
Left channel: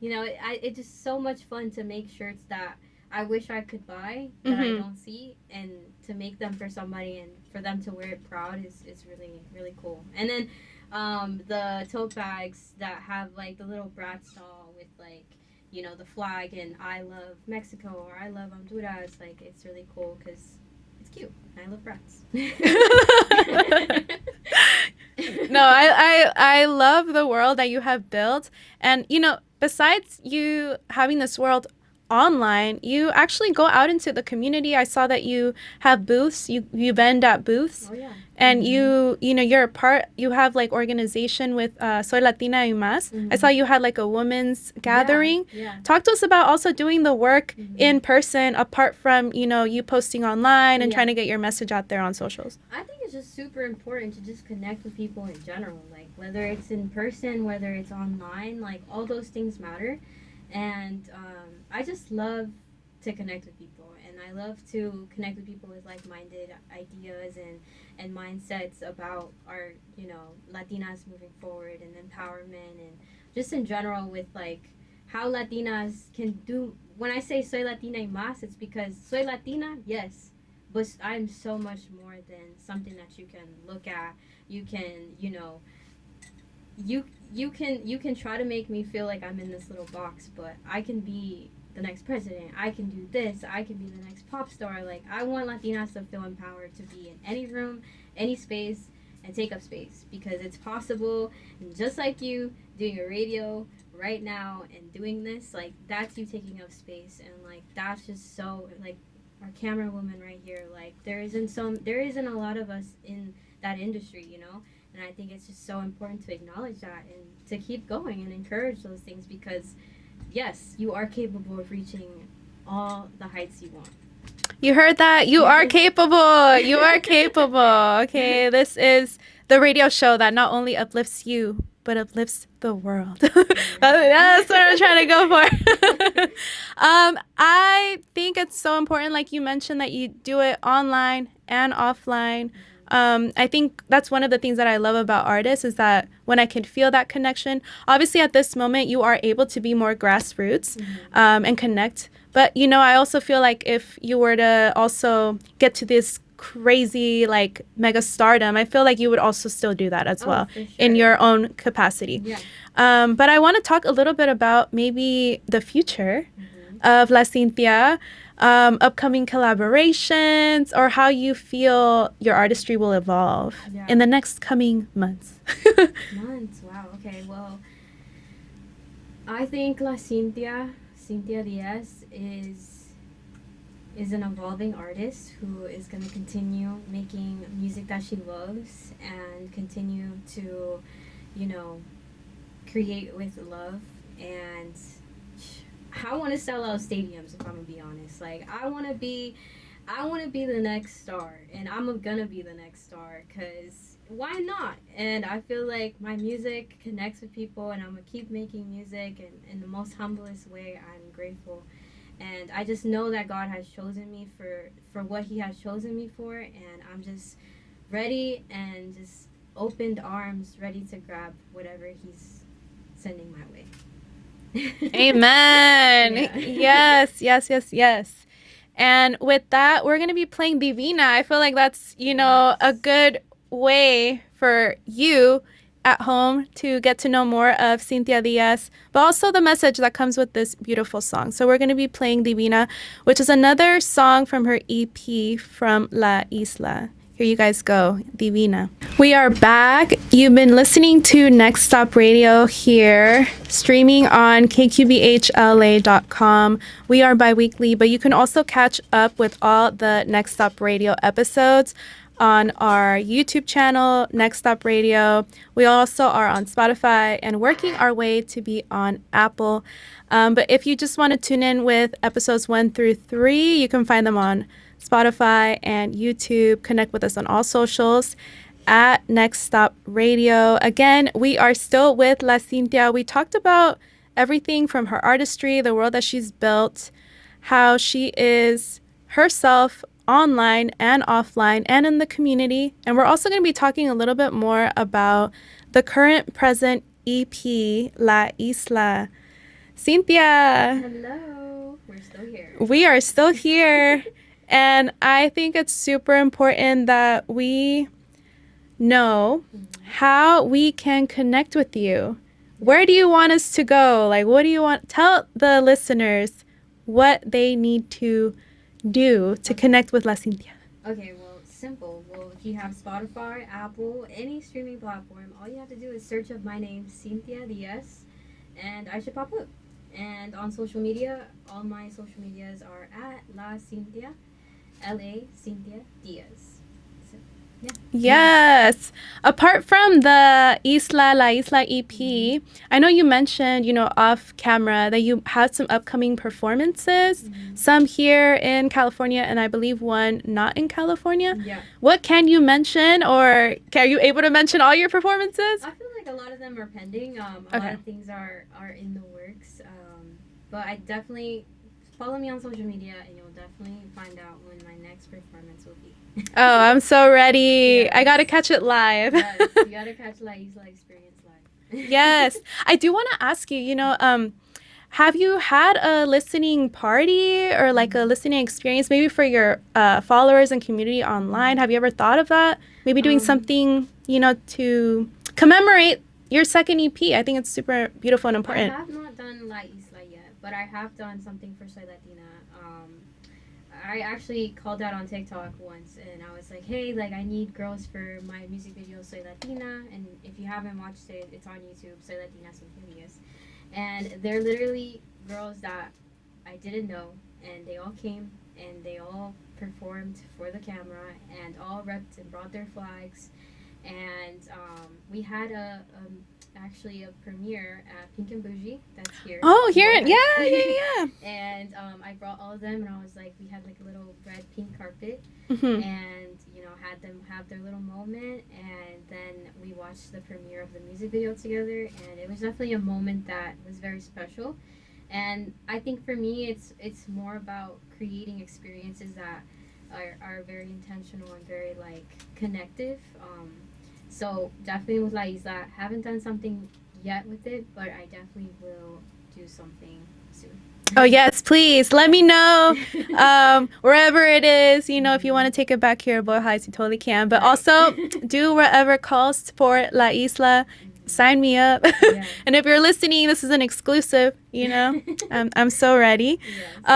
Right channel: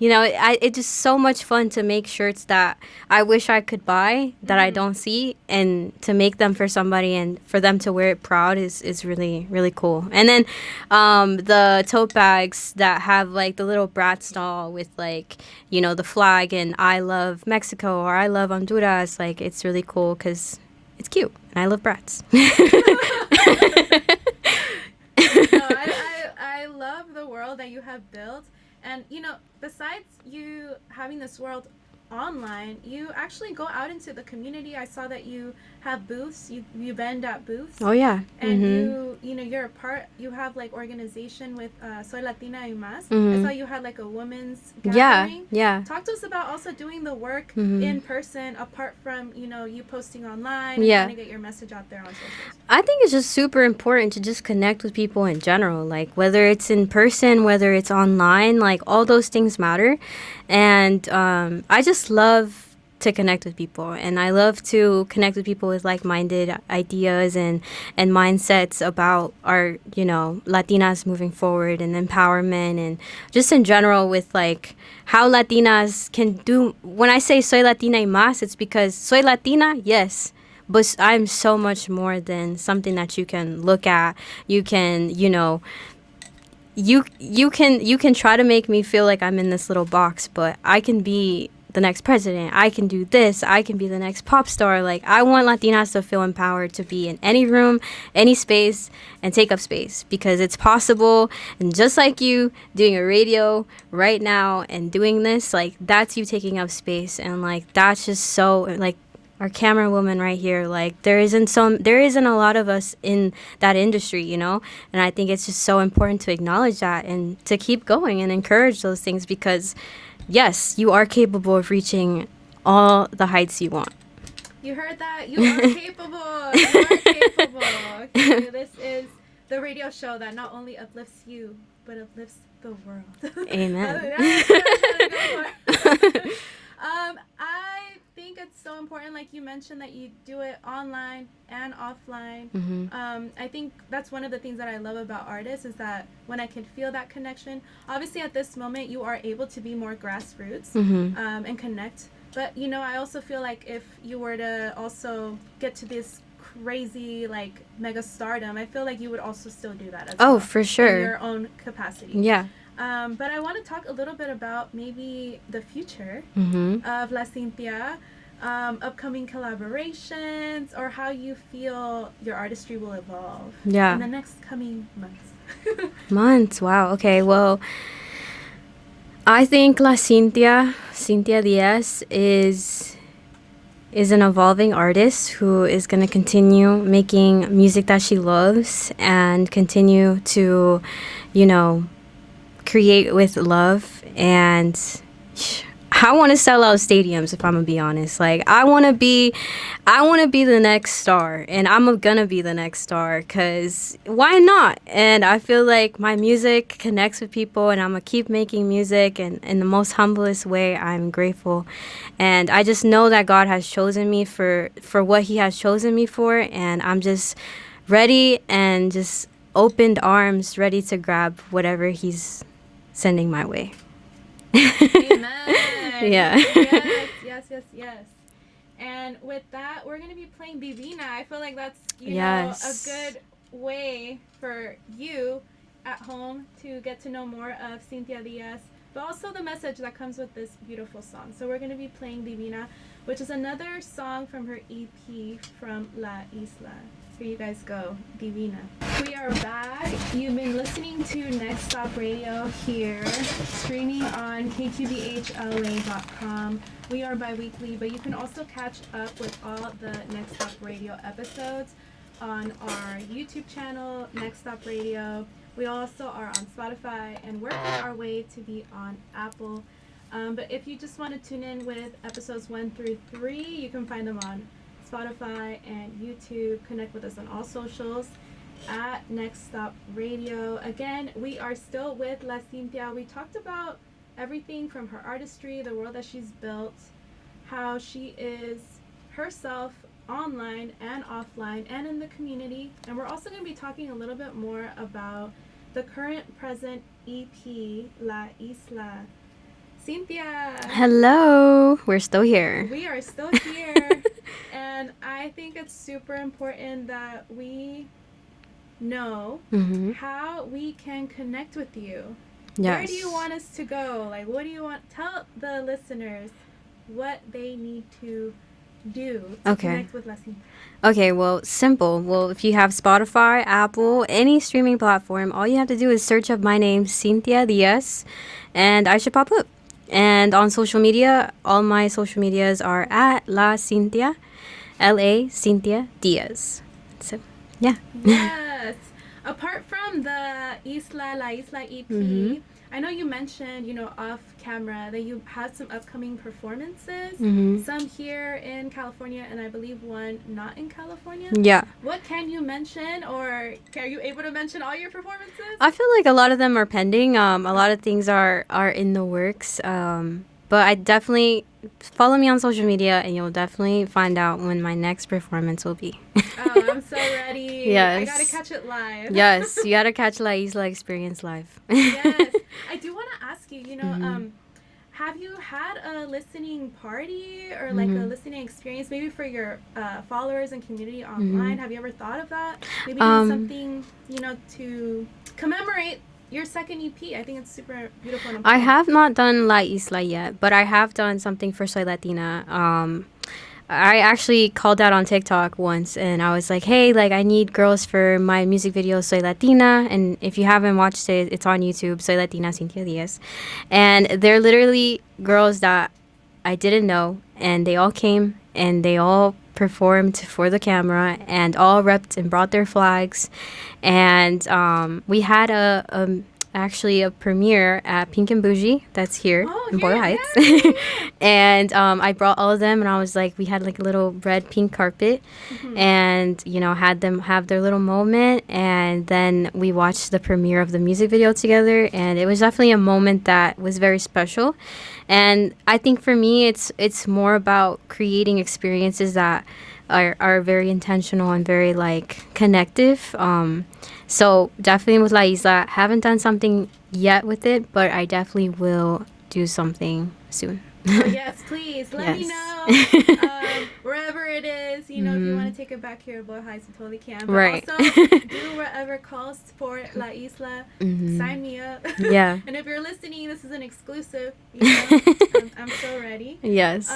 it's just so much fun to make shirts that I wish I could buy that I don't see, and to make them for somebody and for them to wear it proud is really, really cool. And then the tote bags that have like the little Bratz doll with like, you know, the flag and I love Mexico or I love Honduras, like it's really cool because it's cute and I love Bratz. No, I love the world that you have built. And, you know, besides you having this world online, you actually go out into the community. I saw that you have booths. You vend at booths. Oh, yeah. And you're a part, you have like organization with Soy Latina y Más. I saw you had like a women's gathering. Yeah. Talk to us about also doing the work in person, apart from, you know, you posting online and trying to get your message out there on socials. I think it's just super important to just connect with people in general, like whether it's in person, whether it's online, like all those things matter. And I just love to connect with people, and I love to connect with people with like-minded ideas and mindsets about our, you know, Latinas moving forward and empowerment, and just in general with like how Latinas can do. When I say soy Latina y más, it's because soy Latina, yes, but I'm so much more than something that you can look at. You can, you know, you can try to make me feel like I'm in this little box, but I can be the next president. I can do this. I can be the next pop star. Like, I want Latinas to feel empowered to be in any room, any space, and take up space because it's possible. And just like you doing a radio right now and doing this, like, that's you taking up space. And, like, that's just so, like, our camera woman right here, like, there isn't a lot of us in that industry, you know? And I think it's just so important to acknowledge that and to keep going and encourage those things because, yes, you are capable of reaching all the heights you want. You heard that? You are capable. You are capable. Okay, this is the radio show that not only uplifts you, but uplifts the world. Amen. That's what I'm trying to go for. I think it's so important, like you mentioned, that you do it online and offline. I think that's one of the things that I love about artists is that when I can feel that connection, obviously at this moment you are able to be more grassroots and connect. But, you know, I also feel like if you were to also get to this crazy, like, mega stardom, I feel like you would also still do that as well. Oh, for sure. In your own capacity. Yeah. But I want to talk a little bit about maybe the future of La Cynthia, upcoming collaborations, or how you feel your artistry will evolve in the next coming months. Months, wow. Okay, well, I think Cynthia Diaz is an evolving artist who is going to continue making music that she loves and continue to, you know, create with love. And I want to sell out stadiums, if I'm gonna be honest. Like, I want to be the next star, and I'm gonna be the next star, cause why not? And I feel like my music connects with people, and I'm gonna keep making music, and in the most humblest way, I'm grateful. And I just know that God has chosen me for what He has chosen me for, and I'm just ready and just opened arms, ready to grab whatever He's sending my way. Amen. Yeah. Yes. And with that, we're going to be playing Divina. I feel like that's, you know, a good way for you at home to get to know more of Cynthia Diaz, but also the message that comes with this beautiful song. So we're going to be playing Divina, which is another song from her EP from La Isla. Here you guys go, Divina. We are back. You've been listening to Next Stop Radio here, streaming on kqbhla.com. We are bi-weekly, but you can also catch up with all the Next Stop Radio episodes on our YouTube channel, Next Stop Radio. We also are on Spotify and working our way to be on Apple. But if you just want to tune in with episodes 1 through 3, you can find them on Spotify and YouTube. Connect with us on all socials at Next Stop Radio. Again, we are still with La Cynthia. We talked about everything from her artistry, the world that she's built, how she is herself online and offline and in the community. And we're also going to be talking a little bit more about the current present EP, La Isla. Cynthia. Hello. We're still here. We are still here. And I think it's super important that we know how we can connect with you. Yes. Where do you want us to go? Like, what do you want? Tell the listeners what they need to do to connect with La Cynthia. Okay, well, simple. Well, if you have Spotify, Apple, any streaming platform, all you have to do is search up my name, Cynthia Diaz, and I should pop up. And on social media, all my social medias are at La Cynthia, LA Cynthia Diaz. So, yeah. Yes. Apart from the La Isla EP, I know you mentioned, you know, off camera that you had some upcoming performances, some here in California, and I believe one not in California. Yeah. What can you mention, or are you able to mention all your performances? I feel like a lot of them are pending. A lot of things are in the works. But I definitely follow me on social media, and you'll definitely find out when my next performance will be. Oh, I'm so ready. Yes. I got to catch it live. Yes, you got to catch La Isla Experience live. Yes. I do want to ask you, you know, have you had a listening party or like a listening experience maybe for your followers and community online? Have you ever thought of that? Maybe doing something, you know, to commemorate your second EP. I think it's super beautiful and I important. have not done La Isla yet, but I have done something for Soy Latina. I actually called out on TikTok once, and I was like, hey, like, I need girls for my music video, Soy Latina. And if you haven't watched it, it's on YouTube, Soy Latina, Cynthia Diaz. And they're literally girls that I didn't know, and they all came, and they all performed for the camera, and all repped and brought their flags. And we had actually a premiere at Pink and Bougie that's here. Oh, in here, Boyle yeah, Heights. yeah. And I brought all of them, and I was like, we had like a little red pink carpet, and had them have their little moment, and then we watched the premiere of the music video together, and it was definitely a moment that was very special. And I think for me, it's more about creating experiences that are very intentional and very like connective. So definitely with La Isla, haven't done something yet with it, but I definitely will do something soon. Oh, yes, please. Let me Yes. know wherever it is. If you want to take it back here at Boyle Heights, you totally can. But Right. also, do wherever calls for La Isla. Sign me up. Yeah. And if you're listening, this is an exclusive. I'm so ready. Yes.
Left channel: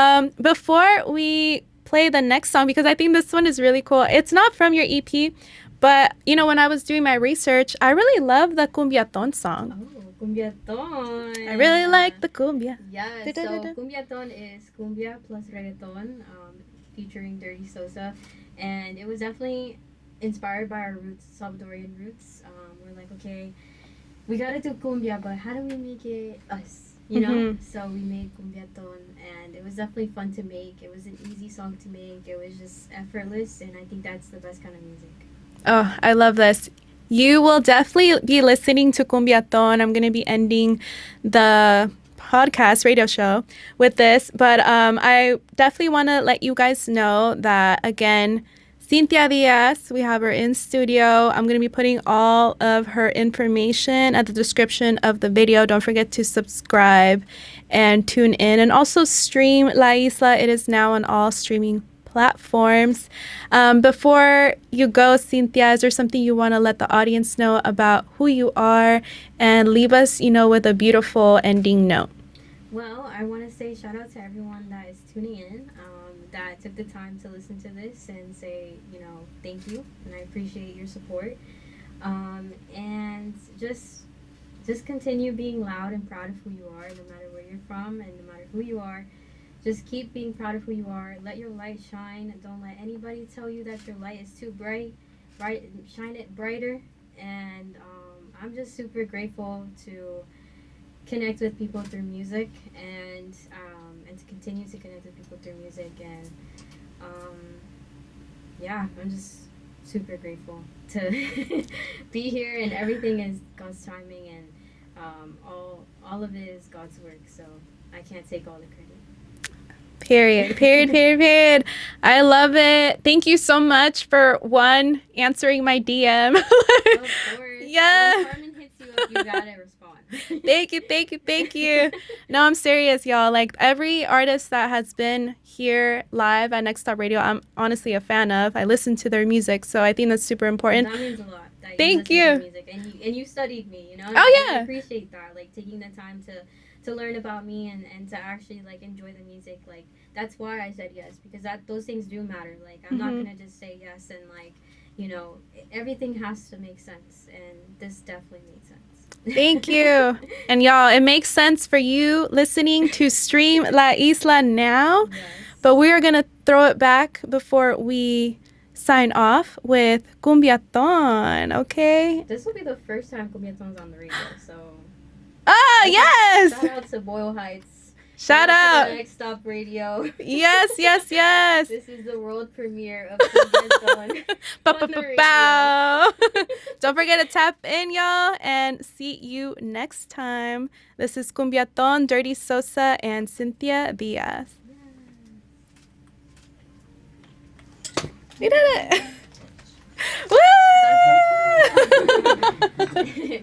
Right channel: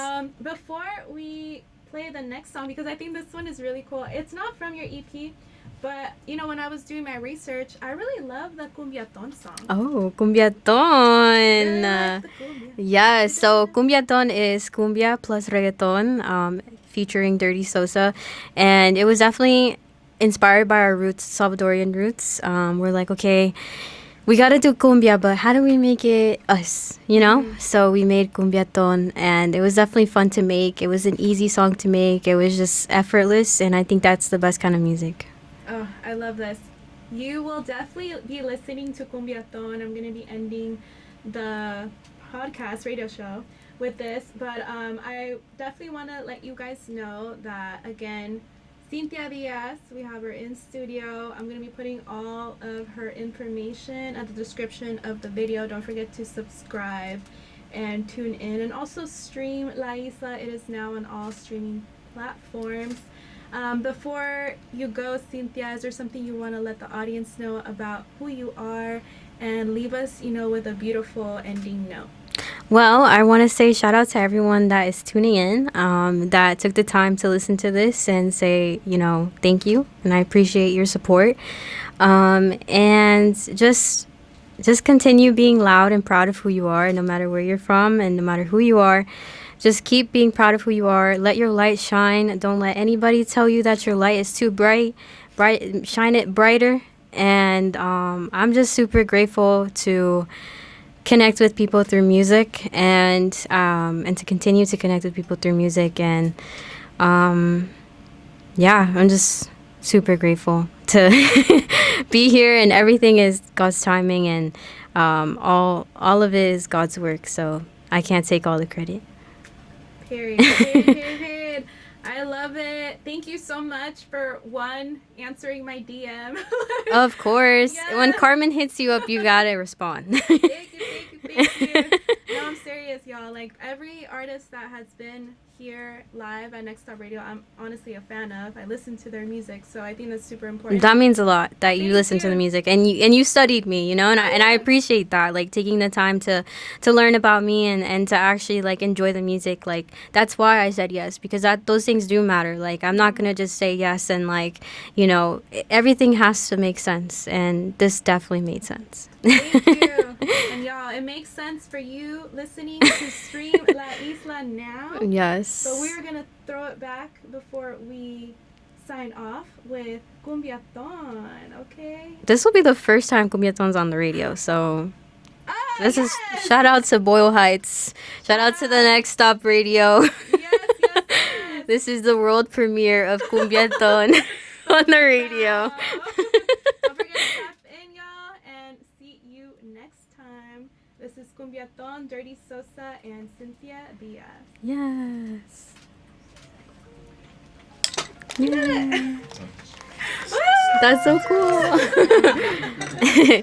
Before we play the next song, because I think this one is really cool. It's not from your EP, but, when I was doing my research, I really love the Cumbiaton song. Oh, Cumbiaton. Really like the cumbia. Yes, so Cumbiaton is cumbia plus reggaeton, featuring Dirty Sosa. And it was definitely inspired by our roots, Salvadorian roots. We're like, okay, we got to do cumbia, but how do we make it us, So we made Cumbiaton, and it was definitely fun to make. It was an easy song to make. It was just effortless, and I think that's the best kind of music. Oh, I love this. You will definitely be listening to Cumbiaton. I'm going to be ending the podcast radio show with this, but I definitely want to let you guys know that, again, Cynthia Diaz, we have her in studio. I'm going to be putting all of her information at the description of the video. Don't forget to subscribe and tune in, and also stream La Isla. It is now on all streaming platforms. Before you go, Cynthia, is there something you want to let the audience know about who you are, and leave us, with a beautiful ending note? Well, I want to say shout out to everyone that is tuning in, that took the time to listen to this and say, thank you, and I appreciate your support. And just continue being loud and proud of who you are, no matter where you're from and no matter who you are. Just keep being proud of who you are. Let your light shine. Don't let anybody tell you that your light is too bright. Shine it brighter. And I'm just super grateful to connect with people through music, and to continue to connect with people through music. And I'm just super grateful to be here, and everything is God's timing, and all of it is God's work. So I can't take all the credit. Period. I love it. Thank you so much for answering my DM. Of course. Yes. When Carmen hits you up, you gotta respond. Thank you. No, I'm serious, y'all. Like, every artist that has been here live at Next Stop Radio, I'm honestly a fan of. I listen to their music, so I think that's super important. That means a lot that Thank you listen you. to music, and you studied me, and Oh, and I yeah. appreciate that, like taking the time to learn about me, and to actually like enjoy the music. Like, that's why I said yes, because those things do matter. Like, I'm not gonna just say yes, and like, everything has to make sense, and this definitely made sense. Thank you. And y'all, it makes sense for you listening to stream La Isla now. Yes. But we are going to throw it back before we sign off with Cumbiaton, okay? This will be the first time Cumbiaton's on the radio, so Ah, this yes! is, shout out to Boyle Heights. Shout out to the Next Stop Radio. Yes. This is the world premiere of Cumbiaton on the radio. Bow. Don't forget to tap in, y'all, and see you next time. This is Cumbiaton, Dirty Sosa, and Cynthia Diaz. Yes. We did it. Woo! That's so cool.